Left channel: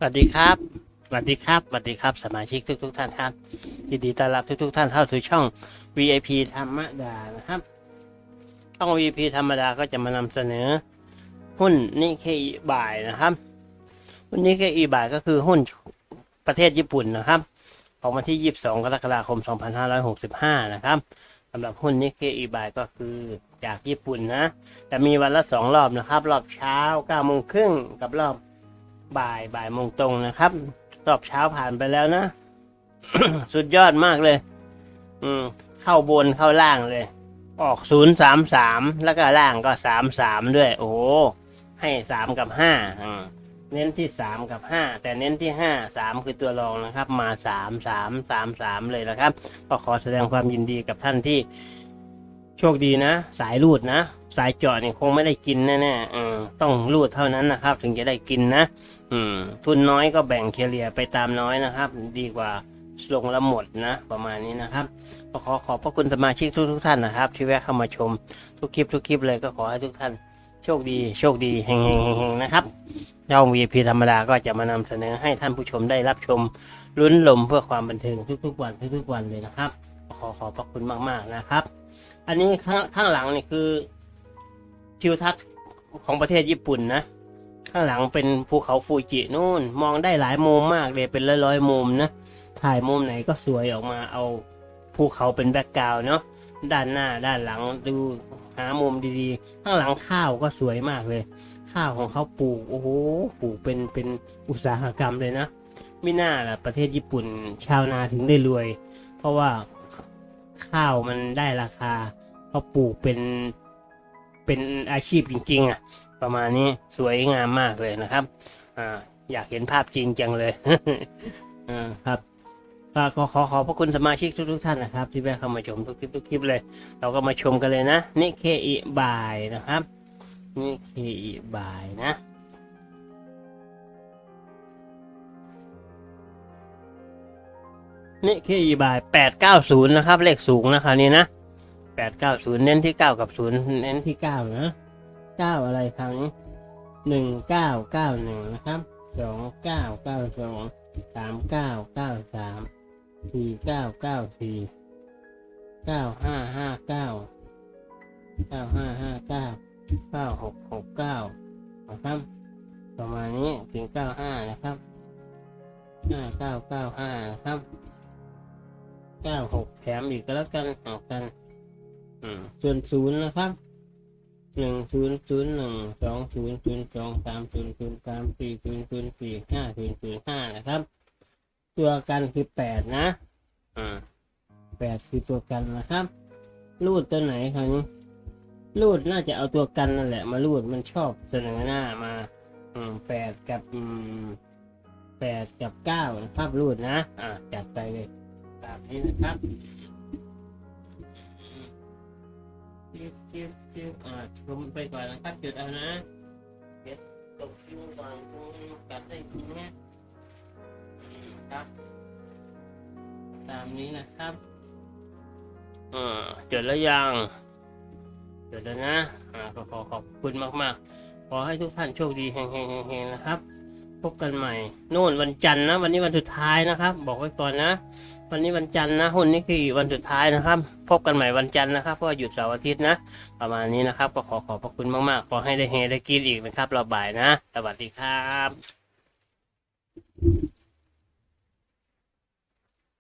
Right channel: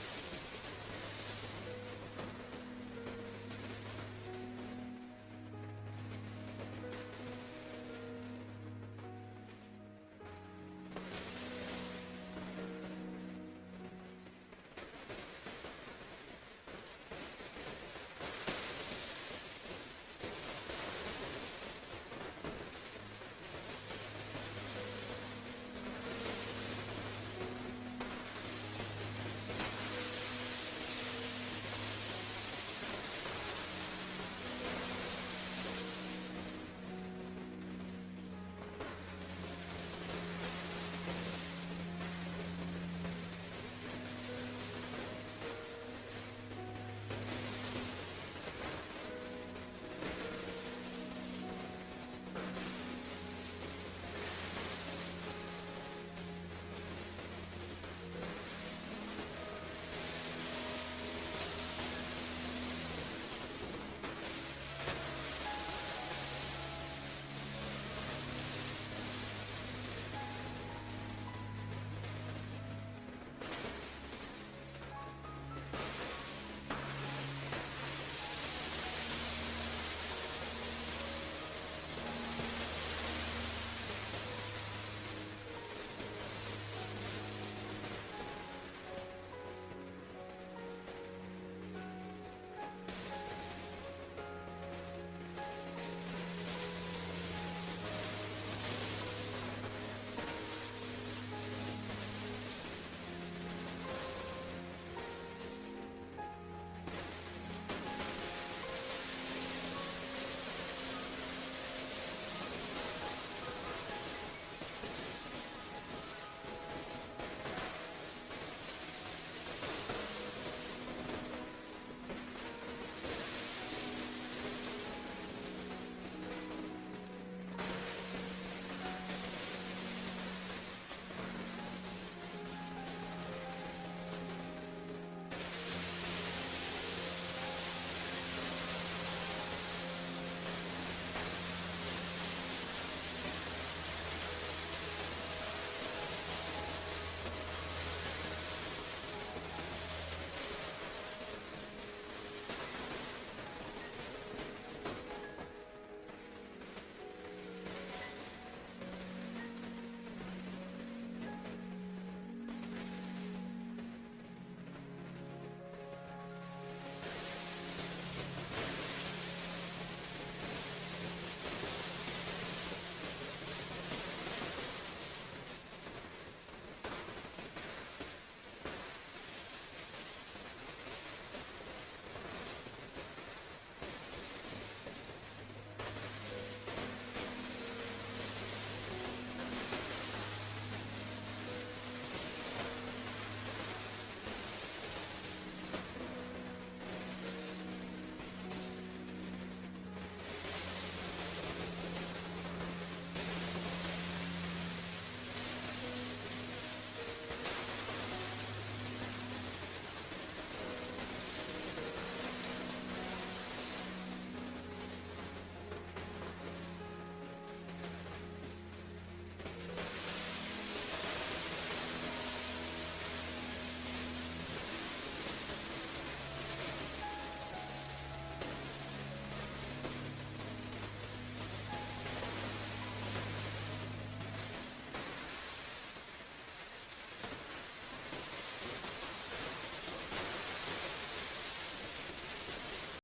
สวัสดีครับ สวัสดีครับ สวัสดีครับ สมาชิกทุกทุกๆท่านครับ ยินดีต้อนรับทุกทุกๆท่านเข้าสู่ช่อง VIP ธรรมดานะครับ ช่อง VIP ธรรมดาก็จะมานำเสนอ หุ้นนิเคอิบ่ายนะครับ หุ้นนิเคอิบ่ายก็คือหุ้นประเทศญี่ปุ่นนะครับ ของวันที่ 22 กรกฎาคม 2565 นะครับสำหรับหุ้นนิเคอิบ่ายก็คือจากญี่ปุ่นนะ จะมีวันละสองรอบนะครับ รอบเช้า9โมงครึ่งกับรอบ บ่ายบ่ายโมงตรงนะครับ รอบเช้าผ่านไปแล้วนะ สุดยอดมากเลย อืมเข้าบนเข้าล่างเลย ออกศูนย์สามสามแล้วก็ล่างก็สามสามด้วย โอ้ให้สามกับห้าเน้นที่สามกับห้าแต่เน้นที่ห้าสามคือตัวรองนะครับ มาสามสามสามสามเลยนะครับ ก็ขอแสดงความยินดีกับท่านที่โชคดีนะ สายรูดนะ สายเจาะนี่ยคงไม่ได้กินแน่ๆต้องรูดเท่านั้นนะครับ ถึงจะได้กินนะ อืมทุนน้อยก็แบ่งเคลียร์ไปตามน้อยนะครับ ดีกว่าลงละหมดนะ ประมาณนี้นะครับก็ขอขอบพระคุณสมาชิกทุกทุกท่านนะครับ ที่แวะเข้ามาชมทุกคลิปทุกคลิปเลยก็ขอให้ทุกท่านโชคดีโชคดีเฮงเฮงเฮงเฮงนะครับช่อง VIP ธรรมดาก็จะมานำเสนอให้ท่านผู้ชมได้รับชมลุ้นลมเพื่อความบันเทิงทุกๆวันทุกๆวันเลยนะครับ ขอขอบพระคุณมากๆนะครับ อันนี้ข้างข้างหลังนี่คือทิวทัศน์ของประเทศญี่ปุ่นนะ ข้างหลังเป็นภูเขาฟูจินู่น มองได้หลายมุมมากเลยเป็นร้อยๆมุมนะ ถ่ายมุมไหนก็สวยออกมาเอาภูเขาเป็นแบ็กกราวน์เนาะด้านหน้าด้านหลังดูหามุมดีๆ ข้างหลังข้าวก็สวยมากเลย ข้าวของเขาปลูกโอ้โหปลูกเป็นเป็นอุตสาหกรรมเลยนะไม่น่าล่ะประเทศญี่ปุ่นชาวนาถึงได้รวย เพราะว่าข้าวมันได้ราคาเขาปลูกเป็นเป็นอาชีพจริงๆอะ ประมาณนี้สวยงามมากเลยนะครับอ่าอยากเห็นภาพจริงจังเลยอ่าครับก็ก็ขอขอบพระคุณสมาชิกทุกๆท่านนะครับ ที่แวะเข้ามาชมทุกคลิปทุกคลิปเลย เราก็มาชมกันเลยนะนิเคอิบายนะครับนิเคอิบายนะนิเคอิบาย890 นะครับ เลขสูงนะคราวนี้นะ 890 เน้นที่ 9 กับ 0 เน้นที่ 9 นะ เก้าอะไรครั้งหนึ่งเก้าเก้าหนึ่งนะครับสองเก้าเก้าสองสามเก้าเก้าสามสี่เก้าเก้าสี่เก้าห้าห้าเก้าเก้าห้าห้าเก้าเก้าหกหกเก้านะครับประมาณนี้ถึงเก้าห้านะครับห้าเก้าเก้าห้านะครับเก้าหกแถมอีกก็แล้วกันออกกันอืมส่วนศูนย์นะครับ หนึ่งศูนย์ศูนย์หนึ่งสองศูนย์ศูนย์สองสามศูนย์ศูนย์สามสี่ศูนย์ศูนย์สี่ห้าศูนย์ศูนย์ห้านะครับ ตัวกันคือแปดนะอ่าแปดคือตัวกันนะครับ รูดตัวไหนครับรูดน่าจะเอาตัวกันนั่นแหละ มารูดมันชอบเสนอหน้ามาอืมแปดกับอืมแปดกับเก้านะครับรูดนะอ่าจัดไปเลยตามนี้นะครับ ลงไปก่อนนะครับจุดเอานะเดี๋ยวกดดูก่อนจำได้ทีนี้ยครับตามนี้นะครับอ่าจุดแล้วยังจุดแล้วนะอ่าก็ขอขอบคุณมากๆ ขอให้ทุกท่านโชคดีเฮงๆๆๆนะครับ พบกันใหม่นู่นวันจันทร์นะ วันนี้วันสุดท้ายนะครับ บอกไว้ก่อนนะวันนี้วันจันทร์นะหุ้นนี่คือวันสุดท้ายนะครับ พบกันใหม่วันจันทร์นะครับเพราะหยุดเสาร์อาทิตย์นะ ประมาณนี้นะครับ ก็ขอขอบพระคุณมากๆ ขอให้ได้เฮได้กินอีกนะครับเราบ่ายนะ สวัสดีครับ